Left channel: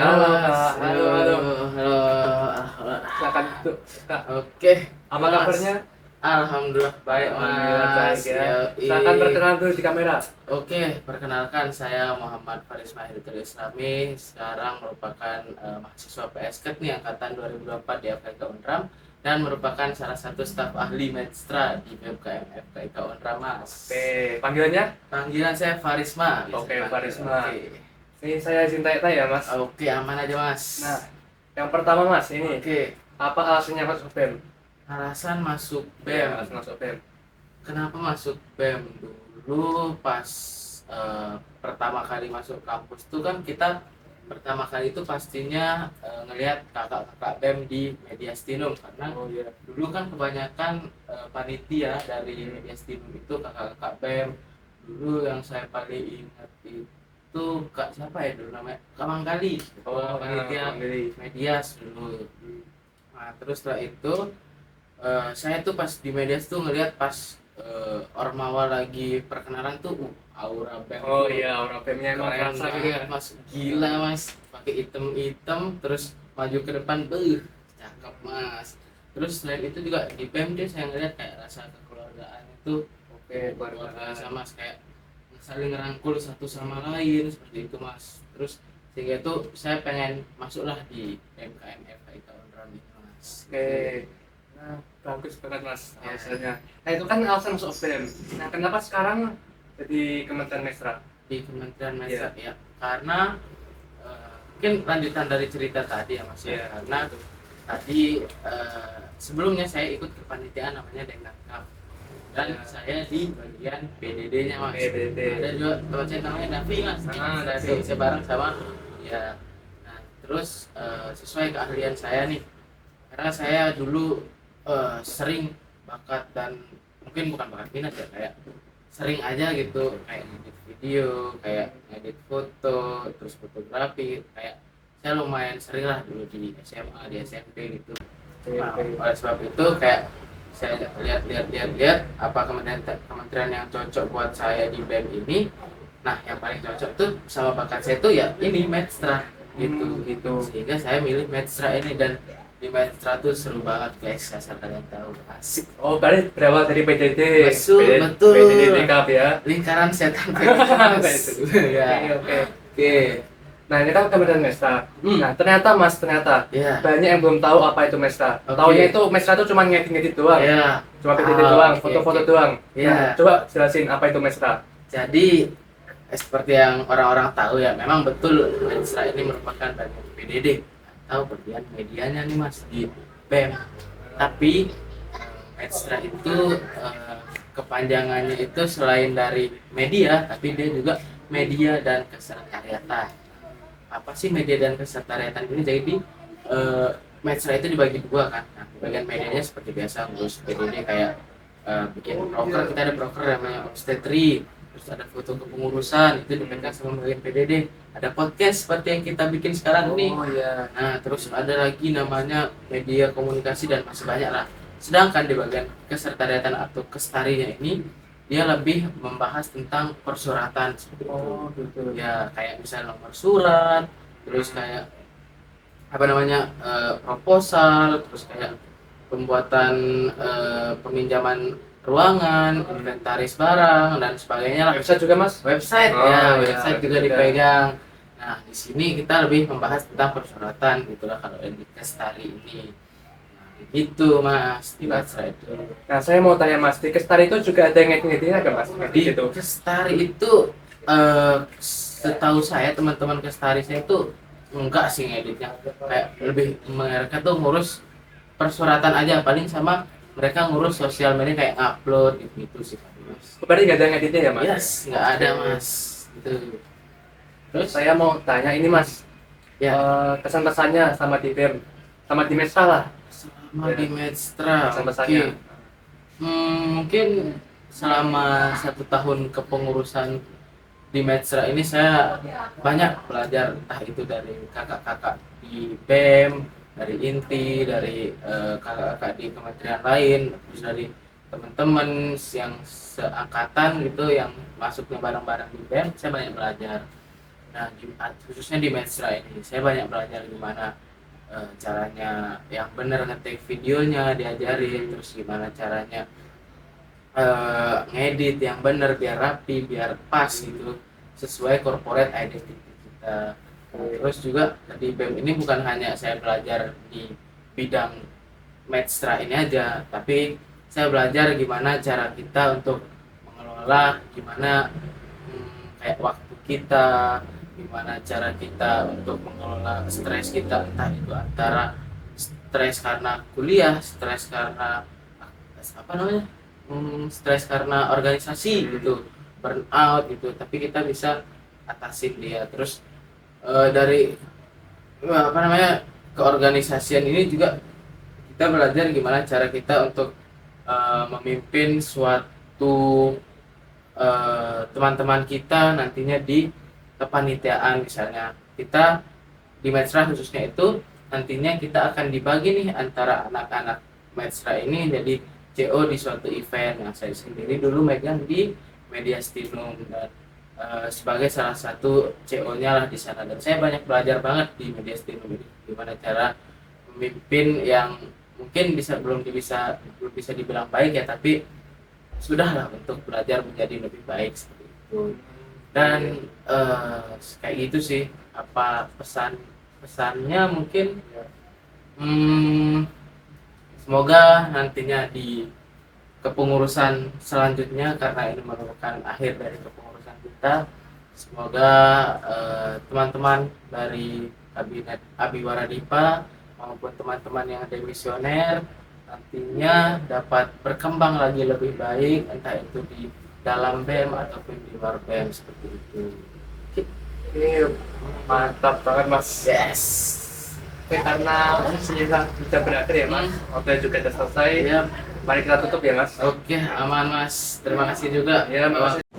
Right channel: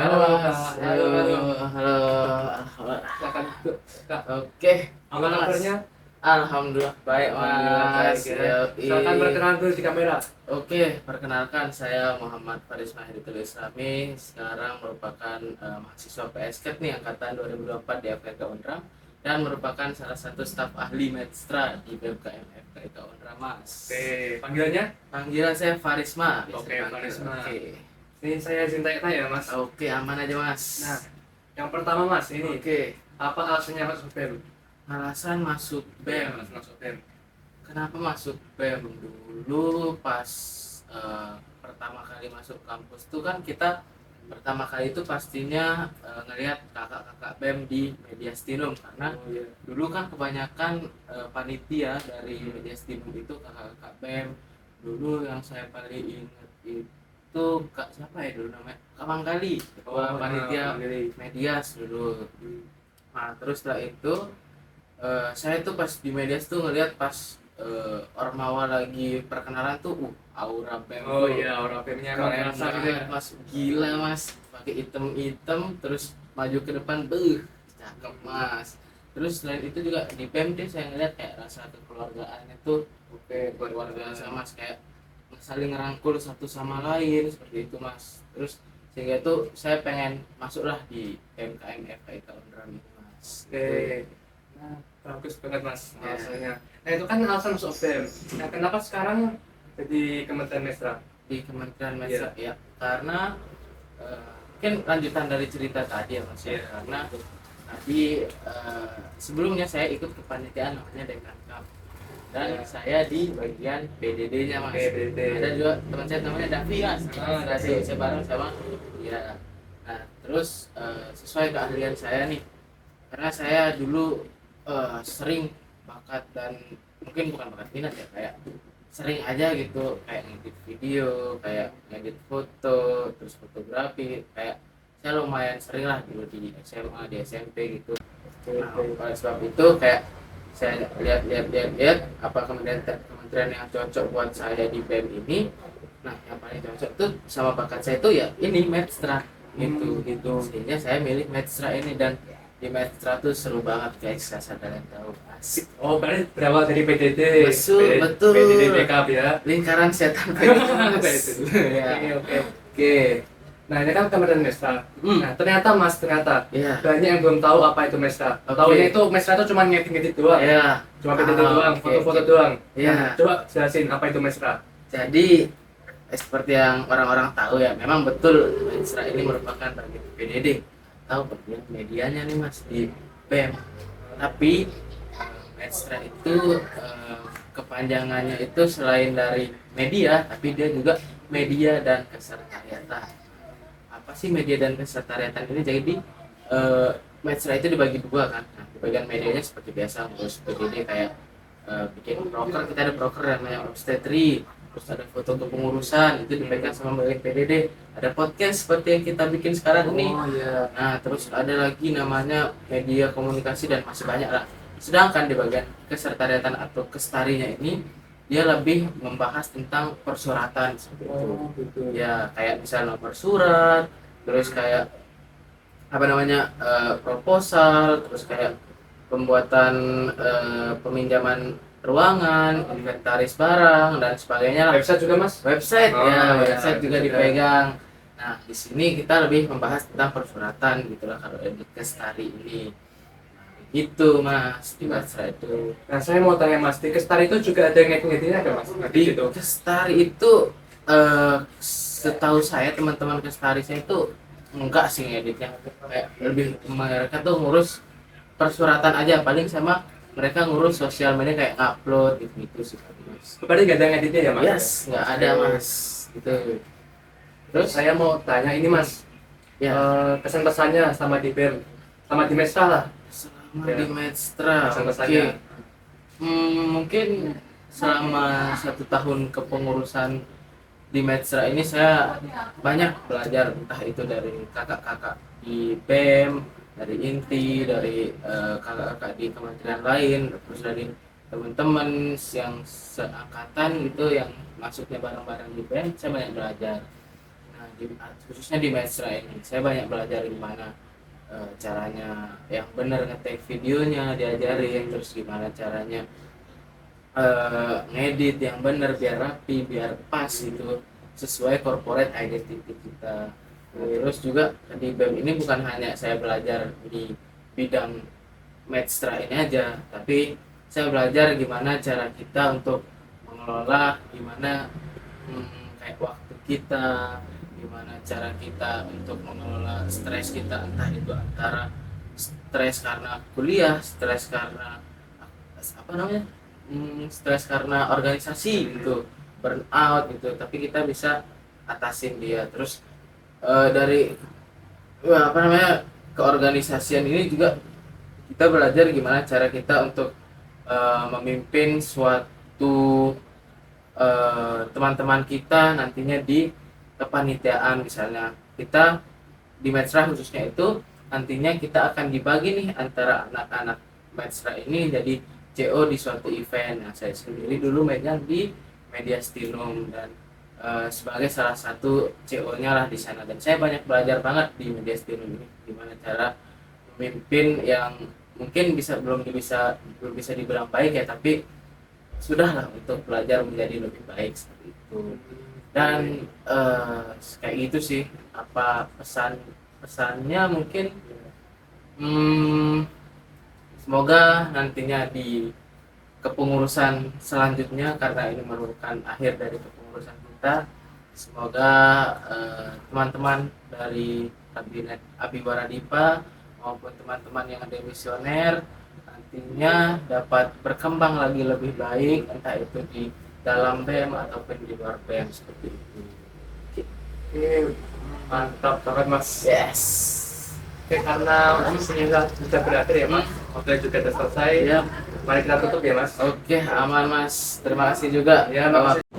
Halo, Halo Mas. Kak, halo, halo. Halo. Silakan duduk, Kak. Oke, Apa Mas. kabarnya? Alhamdulillah baik, Alhamdulillah baik Mas. ya. Yoi. Silakan perkenalan dulu di kamera. Oke, perkenalkan saya Muhammad Faris Mahidul Islami. Sekarang merupakan mahasiswa PSK nih angkatan 2024 di FKIK Unram dan merupakan salah satu staf ahli Medstra di BMKM FKIK Unram, Mas. Oke, panggilannya? Panggilan saya Farisma. biasa Oke, panggil. Farisma. Oke. Ini saya izin tanya-tanya ya, Mas. Oke, aman aja, Mas. Nah, yang pertama Mas, ini Oke. apa alasannya masuk BEM? Alasan masuk Ya, BEM. alasan masuk BEM. Kenapa masuk BEM? Dulu pas pertama kali masuk kampus tuh kan kita pertama kali itu pastinya ngelihat kakak-kakak BEM di Mediastinum, karena Oh iya. dulu kan kebanyakan panitia dari Mediastinum itu kakak-kakak BEM. Dulu yang saya paling ingat itu Kak siapa ya dulu namanya? Kak Manggali, ketua panitia Manggali. Medias dulu. Nah, terus setelah itu saya tuh pas di Medias tuh ngelihat pas Ormawa lagi perkenalan tuh aura BEM Oh tuh iya, orang BEM-nya emang keren Elsa gitu banget, ya. Mas. Gila, Mas, pakai item-item terus maju ke depan, cakep, Mas. Terus selain itu juga di BEM deh saya ngeliat kayak rasa kekeluargaan itu oke, keluarga sama, Mas, kayak saling ngerangkul satu sama lain seperti itu, Mas. Terus sehingga itu saya pengen masuklah di MKM FKIK Unram itu, Mas. Oke. Nah, bagus banget Mas Ya. alasannya. Nah, itu kan alasan masuk BEM. Nah, kenapa sekarang jadi Kementerian Mesra? Di Kementerian Mesra ya, karena mungkin lanjutan dari cerita tadi ya, Mas. Iya. Karena tadi sebelumnya saya ikut kepanitiaan namanya Denkangkap dan Ya. saya di bagian BDD-nya, Mas. Oke, BDD. Ada juga teman saya namanya Davi, Mas. Davi. Saya bareng sama ya. Nah, terus sesuai keahlian saya nih, karena saya dulu sering bakat dan mungkin bukan bakat minat ya, kayak sering aja gitu kayak ngedit video, kayak ngedit foto, terus fotografi, kayak saya lumayan sering lah dulu di SMA, di SMP gitu. Nah, oleh sebab itu kayak saya lihat apa kementerian yang cocok buat saya di BEM ini. Nah, yang paling cocok tuh sama bakat saya tuh ya ini Medstra gitu. Sehingga saya milih Medstra ini, dan di Medstra tuh seru banget guys, asal kalian tahu, asik. Oh, berarti berawal dari PDD. Betul. PDD Cup ya. Lingkaran setan. Ya. Oke. Nah, ini kan Kementerian Mesra. Nah, ternyata Iya. banyak yang belum tahu apa itu Mesra. Oke. Taunya itu Mesra itu cuma ngedit-ngedit doang. Iya. Cuma PDD doang, Oke, foto-foto oke. doang. Iya. Nah, coba jelasin apa itu Mesra. Jadi seperti yang orang-orang tahu ya, memang betul Medsra ini merupakan bagian PDD atau bagian medianya nih, Mas, di BEM. Tapi Medsra itu kepanjangannya itu selain dari media, tapi dia juga media dan kesekretariatan. Apa sih media dan kesekretariatan ini? Jadi Medsra itu dibagi dua kan. Nah, bagian medianya seperti biasa ngurus PDD, kayak bikin broker, kita ada broker namanya obstetri, terus ada foto kepengurusan itu dipegang sama bagian PDD, ada podcast seperti yang kita bikin sekarang ini. Iya. Nah, terus ada lagi namanya media komunikasi dan masih banyak lah. Sedangkan di bagian kesekretariatan atau kestarinya ini dia lebih membahas tentang persuratan seperti itu. Oh, gitu. Ya, kayak misal nomor surat, terus kayak apa namanya proposal, terus kayak pembuatan peminjaman ruangan, inventaris barang dan sebagainya lah. Website juga, Mas? Website Oh, ya, iya, website juga juga. dipegang. Nah, di sini kita lebih membahas tentang persuratan gitulah kalau di Kestari ini. Nah, gitu, Mas, di Medsra itu. Nah, saya mau tanya Mas, di Kestari itu juga ada yang ngedit-ngeditnya kan, Mas? Di Ngedit itu. Kestari itu setahu saya teman-teman Kestari saya itu enggak sih ngeditnya, kayak lebih mereka tuh ngurus persuratan aja, paling sama mereka ngurus sosial media kayak upload gitu sih, Mas. Berarti nggak ada yang ngeditnya ya, Mas? Yes, nggak ada, Mas. Gitu. Terus saya mau tanya ini, Mas. Ya, Kesan-pesannya sama di BEM, sama di Mesra lah. selama Ya. di Medstra, Kesan-pesannya. oke. Mungkin selama 1 tahun kepengurusan di Medsra ini saya banyak belajar, entah itu dari kakak-kakak di BEM, dari INTI, dari kakak-kakak di kementerian lain, terus dari teman-teman yang seangkatan gitu yang masuknya bareng-bareng di BEM, saya banyak belajar. Nah, khususnya di Mesra ini saya banyak belajar gimana caranya yang benar ngetik videonya diajarin, terus gimana caranya ngedit yang benar biar rapi, biar pas gitu, sesuai corporate identity kita. Terus juga di BEM ini bukan hanya saya belajar di bidang Mesra ini aja, tapi saya belajar gimana cara kita untuk mengelola, gimana kayak waktu kita, gimana cara kita untuk mengelola stres kita, entah itu antara stres karena kuliah, stres karena apa namanya, stres karena organisasi gitu, burnout gitu, tapi kita bisa atasin dia. Terus dari apa namanya keorganisasian ini juga kita belajar gimana cara kita untuk memimpin suatu teman-teman kita nantinya di kepanitiaan. Misalnya kita di Mesra khususnya itu nantinya kita akan dibagi nih antara anak-anak Mesra ini jadi CO di suatu event. Nah, saya sendiri dulu megang di Mediastinum dan sebagai salah satu CO-nya lah di sana, dan saya banyak belajar banget di Mediastinum ini gimana cara memimpin yang mungkin belum bisa dibilang baik ya, tapi sudahlah untuk belajar menjadi lebih baik seperti itu. Dan kayak gitu sih apa pesannya mungkin. Semoga nantinya di kepengurusan selanjutnya, karena ini merupakan akhir dari kepengurusan kita, semoga teman-teman dari kabinet Abiwara Dipa maupun teman-teman yang demisioner nantinya dapat berkembang lagi lebih baik, entah itu di dalam BEM ataupun di luar BEM seperti itu. Ini mantap banget Mas. Yes. Oke, karena sudah berakhir ya Mas, waktu juga sudah selesai. Ya. Mari kita tutup ya Mas. Oke, aman Mas. Terima kasih juga. Ya, makasih.